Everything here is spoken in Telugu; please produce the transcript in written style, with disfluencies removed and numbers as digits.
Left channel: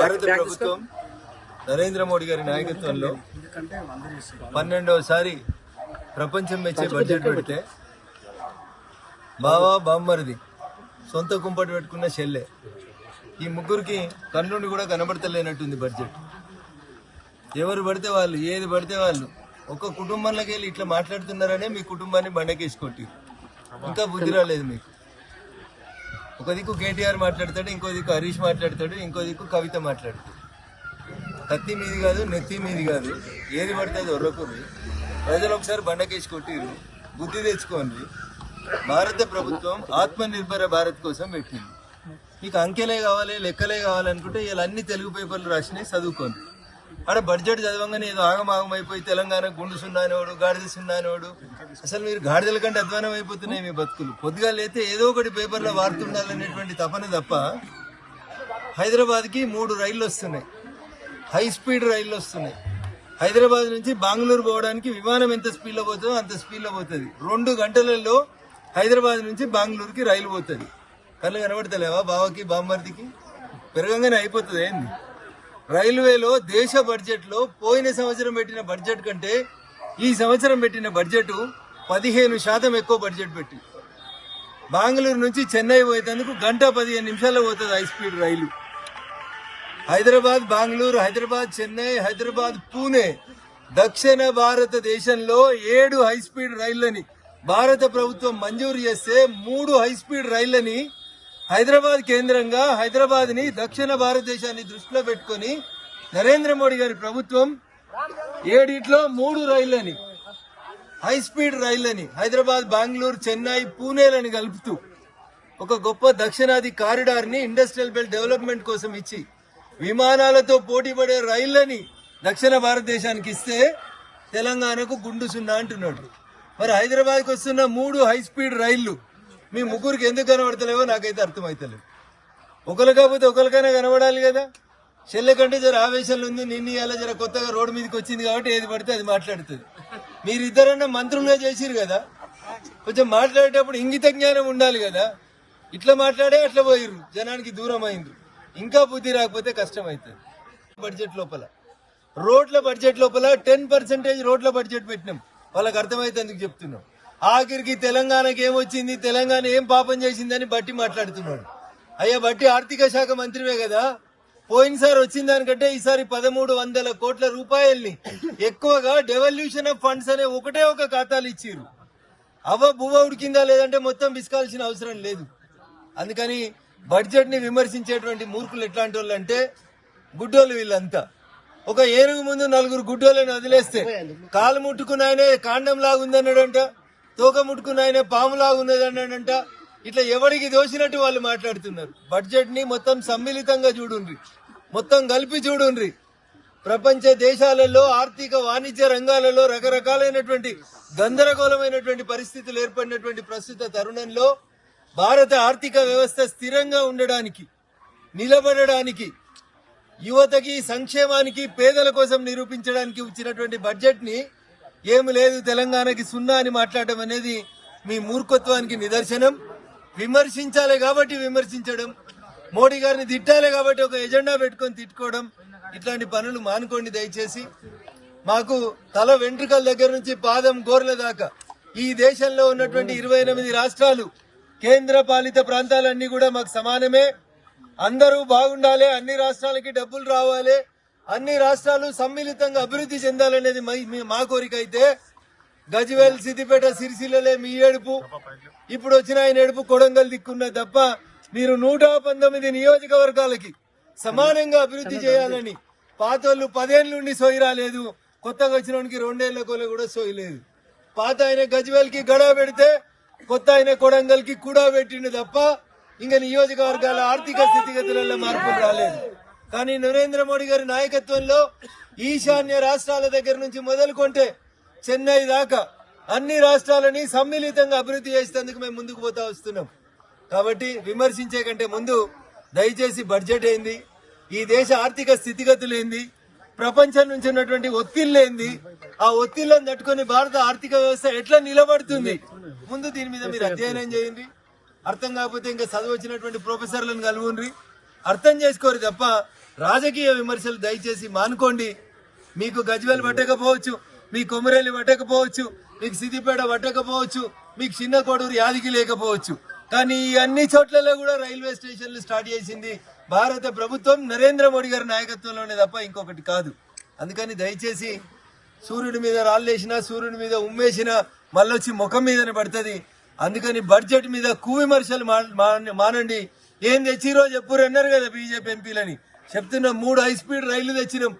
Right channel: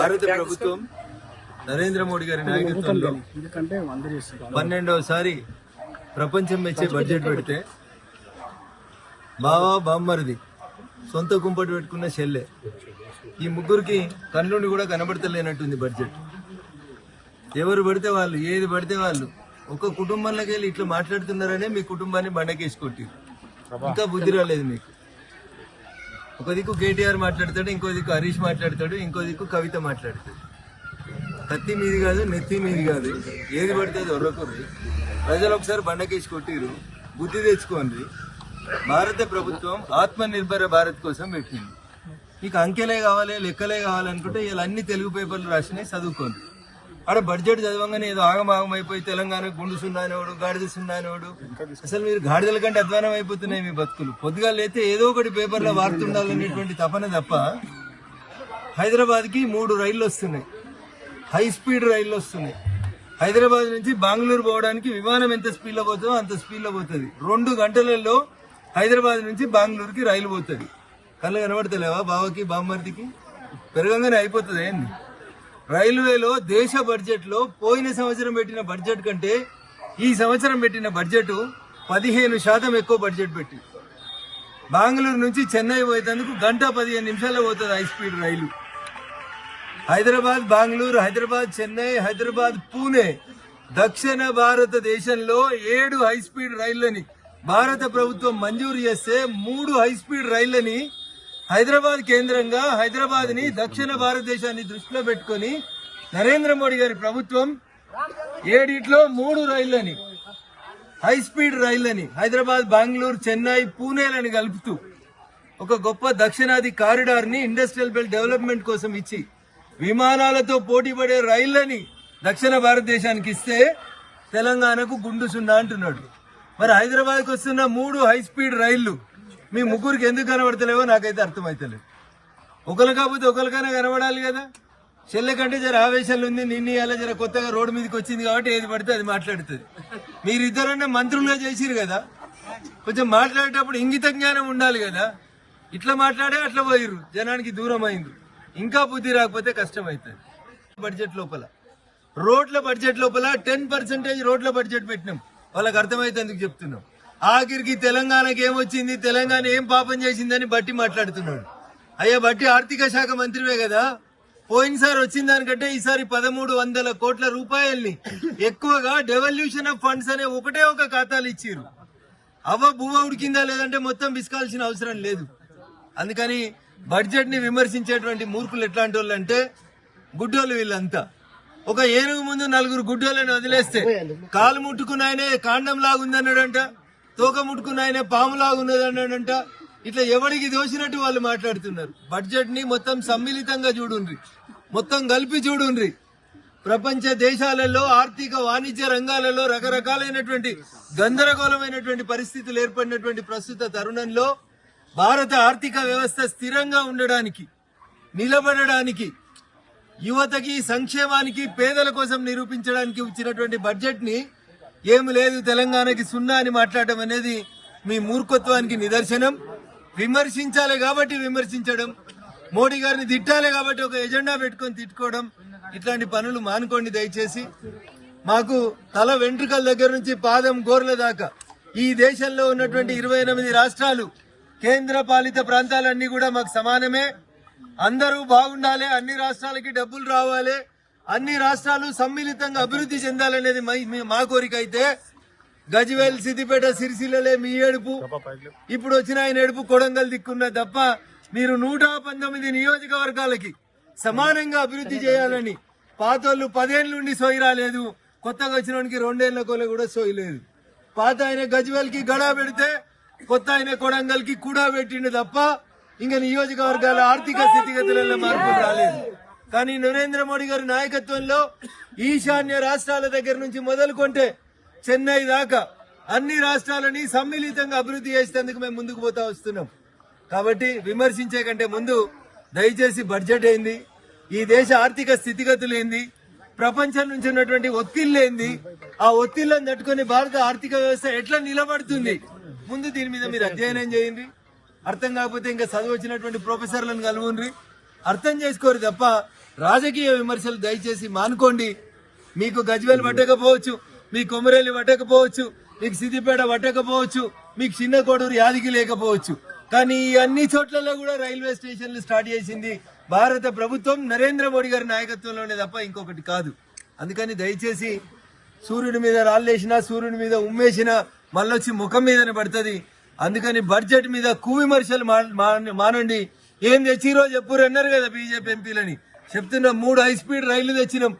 భారత ప్రభుత్వం నరేంద్ర మోడీ గారి నాయకత్వంలో 12వసారి ప్రపంచం మెచ్చే బడ్జెట్ పెడితే బావా బామ్మరిది సొంత కుంపటి పెట్టుకున్న చెల్లె ఈ ముగ్గురికి కళ్ళుండి కూడా కనబడతలేనట్టుంది బడ్జెట్. ఎవరు పడితే వాళ్ళు ఏది పడితే వాళ్ళు ఒక కుటుంబంలోకి వెళ్ళి ఇట్లా మాట్లాడుతున్నారనే మీ కుటుంబాన్ని బండకేసుకొట్టి ఇంకా బుద్ధి రాలేదు మీకు. ఒక దిక్కు కేటీఆర్ మాట్లాడతాడు, ఇంకో దిక్కు హరీష్ మాట్లాడతాడు, ఇంకో దిక్కు కవిత మాట్లాడతాడు. కత్తి మీది కాదు, నెత్తి మీది కాదు, ఏది పడితే అది ఒర్రకూడదు. ప్రజలు ఒకసారి బండకేసి కొట్టిరు, బుద్ధి తెచ్చుకోండి. భారత ప్రభుత్వం ఆత్మనిర్భర భారత్ కోసం పెట్టింది. మీకు అంకెలే కావాలి, లెక్కలే కావాలనుకుంటే ఇలా అన్ని తెలుగు పేపర్లు రాసినాయి, చదువుకోండి. అక్కడ బడ్జెట్ చదవంగానే ఏదో ఆగమాగం అయిపోయి తెలంగాణ గుండు సున్నానోడు, గాడిద సున్నానోడు, అసలు మీరు గాడిదల కంటే అధ్వానం అయిపోతున్నాయి మీ బతుకులు. పొద్దుగా లేతే ఏదో ఒకటి పేపర్లో వార్తుండాలనేటువంటి తపన తప్ప. హైదరాబాద్కి 3 రైళ్లు వస్తున్నాయి, హై స్పీడ్ రైళ్లు వస్తున్నాయి. హైదరాబాద్ నుంచి బెంగళూరు పోవడానికి విమానం ఎంత స్పీడ్లో పోతుందో అంత స్పీడ్లో పోతుంది. 2 గంటలలో హైదరాబాద్ నుంచి బెంగళూరుకి రైలు పోతుంది. కళ్ళు కనబడతలేవా బావకి బామ్మర్దికి? పెరగంగానే అయిపోతుంది ఏంది? రైల్వేలో దేశ బడ్జెట్ లో పోయిన సంవత్సరం పెట్టిన బడ్జెట్ కంటే ఈ సంవత్సరం పెట్టిన బడ్జెట్ 15% ఎక్కువ బడ్జెట్ పెట్టి బెంగళూరు నుంచి చెన్నై పోయేందుకు 1:15 నిమిషాల్లో పోతుంది హై స్పీడ్ రైలు. హైదరాబాద్ బెంగళూరు, హైదరాబాద్ చెన్నై, హైదరాబాద్ పూణే, దక్షిణ భారతదేశంలో 7 హై స్పీడ్ రైళ్లని భారత ప్రభుత్వం మంజూరు చేస్తే 3 హై స్పీడ్ రైళ్లని హైదరాబాద్ కేంద్రంగా హైదరాబాద్ ని దక్షిణ భారతదేశాన్ని దృష్టిలో పెట్టుకుని నరేంద్ర మోడీ గారి ప్రభుత్వం 7 3 రైళ్లని హై స్పీడ్ రైళ్లని హైదరాబాద్, బెంగళూరు, చెన్నై, పూణేలని కలుపుతూ ఒక గొప్ప దక్షిణాది కారిడార్ ని ఇండస్ట్రియల్ బెల్ట్ డెవలప్మెంట్ కోసం ఇచ్చి విమానాలతో పోటీ పడే రైళ్లని దక్షిణ భారతదేశానికి ఇస్తే తెలంగాణకు గుండు సున్నా అంటున్నాడు. మరి హైదరాబాద్కి వస్తున్న 3 హై స్పీడ్ రైళ్లు మీ ముగ్గురికి ఎందుకు కనబడతలేవో నాకైతే అర్థమైతలేదు. ఒకరు కాకపోతే ఒకరికైనా కనబడాలి కదా. చెల్లె కంటే జర ఆవేశాలు ఉంది, నిన్న అలా జర కొత్తగా రోడ్డు మీదకి వచ్చింది కాబట్టి ఏది పడితే అది మాట్లాడుతుంది. మీరిద్దరన్నా మంత్రులుగా చేసిరు కదా, కొంచెం మాట్లాడేటప్పుడు ఇంగిత జ్ఞానం ఉండాలి కదా. ఇట్లా మాట్లాడే అట్లా పోయిర్రు, జనానికి దూరం అయింది. ఇంకా బుద్ధి రాకపోతే కష్టం అవుతుంది. బడ్జెట్ లోపల రోడ్ల బడ్జెట్ లోపల 10% రోడ్ల బడ్జెట్ పెట్టినాం. వాళ్ళకి అర్థమైతే ఎందుకు చెప్తున్నాం. ఆఖరికి తెలంగాణకి ఏమొచ్చింది, తెలంగాణ ఏం పాపం చేసిందని బట్టి మాట్లాడుతున్నాడు. అయ్యా బట్టి ఆర్థిక శాఖ మంత్రివే కదా, పోయినసారి వచ్చిన దానికంటే ఈసారి 1300 కోట్ల రూపాయల్ని ఎక్కువగా డెవల్యూషన్ ఆఫ్ ఫండ్స్ అనే ఒకటే ఒక ఖాతాలు ఇచ్చిర్రు. అవ్వ బువ్వ ఉడికిందా లేదంటే మొత్తం బిస్కాల్సిన అవసరం లేదు. అందుకని బడ్జెట్ ని విమర్శించేటువంటి మూర్ఖులు ఎట్లాంటి వాళ్ళు అంటే గుడ్డోళ్ళు వీళ్ళంతా. ఒక ఏనుగు ముందు 4 గుడ్డోళ్ళని వదిలేస్తే కాలు ముట్టుకున్న ఆయనే కాండం లాగుందన్నాడంట, తోక ముట్టుకున్న ఆయన పాము లాగున్నదన్నాడంట. ఇట్లా ఎవరికి దోసినట్టు వాళ్ళు మాట్లాడుతున్నారు. బడ్జెట్ ని మొత్తం సమ్మిళితంగా చూడుండ్రి, మొత్తం కలిపి చూడుండ్రి. ప్రపంచ దేశాలలో ఆర్థిక వాణిజ్య రంగాలలో రకరకాలైనటువంటి గందరగోళమైనటువంటి పరిస్థితులు ఏర్పడినటువంటి ప్రస్తుత తరుణంలో భారత ఆర్థిక వ్యవస్థ స్థిరంగా ఉండడానికి, నిలబడడానికి, యువతకి సంక్షేమానికి, పేదల కోసం నిరూపించడానికి ఇచ్చినటువంటి బడ్జెట్ ని ఏమి లేదు తెలంగాణకి సున్నా అని మాట్లాడటం అనేది మీ మూర్ఖత్వానికి నిదర్శనం. విమర్శించాలి కాబట్టి విమర్శించడం, మోడీ గారిని తిట్టాలి కాబట్టి ఒక ఎజెండా పెట్టుకొని తిట్టుకోవడం, ఇట్లాంటి పనులు మానుకోండి దయచేసి. మాకు తల వెంట్రుకల దగ్గర నుంచి పాదం గోర్ల దాకా ఈ దేశంలో ఉన్నటువంటి 28 రాష్ట్రాలు, కేంద్ర పాలిత ప్రాంతాలన్నీ కూడా మాకు సమానమే. అందరూ బాగుండాలి, అన్ని రాష్ట్రాలకి డబ్బులు రావాలి, అన్ని రాష్ట్రాలు సమ్మిళితంగా అభివృద్ధి చెందాలనేది మా కోరిక. అయితే గజ్వేల్, సిద్దిపేట, సిరిసిల్లలే మీ ఏడుపు, ఇప్పుడు వచ్చిన ఆయన ఏడుపు కొడంగల్ దిక్కున్న తప్ప మీరు 119 నియోజకవర్గాలకి సమానంగా అభివృద్ధి చేయాలని పాతోళ్ళు 10 ఏళ్ళ నుండి సోయి రాలేదు, కొత్తగా వచ్చిన వానికి 2 ఏళ్ల కోలే కూడా సోయి లేదు. పాత ఆయన గజ్వేల్ కి గడా పెడితే కొత్త ఆయన కొడంగల్ కి కూడా పెట్టిండు తప్ప ఇంకా నియోజకవర్గాల ఆర్థిక స్థితిగతులలో మార్పు రాలేదు. కానీ నరేంద్ర మోడీ గారి నాయకత్వంలో ఈశాన్య రాష్ట్రాల దగ్గర నుంచి మొదలుకొంటే చెన్నై దాకా అన్ని రాష్ట్రాలని సమ్మిళితంగా అభివృద్ధి చేసేందుకు మేము ముందుకు పోతా వస్తున్నాం. కాబట్టి విమర్శించే కంటే ముందు దయచేసి బడ్జెట్ ఏంది, ఈ దేశ ఆర్థిక స్థితిగతులు ఏంది, ప్రపంచం నుంచి ఉన్నటువంటి ఒత్తిళ్లేంది, ఆ ఒత్తిళ్లను తట్టుకుని భారత ఆర్థిక వ్యవస్థ ఎట్లా నిలబడుతుంది, ముందు దీని మీద మీరు అధ్యయనం చేయండి. అర్థం కాకపోతే ఇంకా చదువు వచ్చినటువంటి ప్రొఫెసర్లను కలుగుండ్రి, అర్థం చేసుకోరు తప్ప రాజకీయ విమర్శలు దయచేసి మానుకోండి. మీకు గజ్వేల్ పట్టకపోవచ్చు, మీ కొమరేలి పట్టకపోవచ్చు, మీకు సిద్దిపేట పట్టకపోవచ్చు, మీకు చిన్న కోడూరు యాదికి లేకపోవచ్చు, కానీ ఈ అన్ని చోట్లలో కూడా రైల్వే స్టేషన్లు స్టార్ట్ చేసింది భారత ప్రభుత్వం నరేంద్ర మోడీ గారి నాయకత్వంలోనే తప్ప ఇంకొకటి కాదు. అందుకని దయచేసి సూర్యుడి మీద రాళ్ళేసినా సూర్యుడి మీద ఉమ్మేసినా మళ్ళొచ్చి ముఖం మీదనే పడుతుంది. అందుకని బడ్జెట్ మీద కువిమర్శలు మానండి. ఏం తెచ్చిరో చెప్పురు అన్నారు కదా బీజేపీ ఎంపీలని. చెప్తున్నా 3 హై స్పీడ్ రైళ్లు తెచ్చినాం.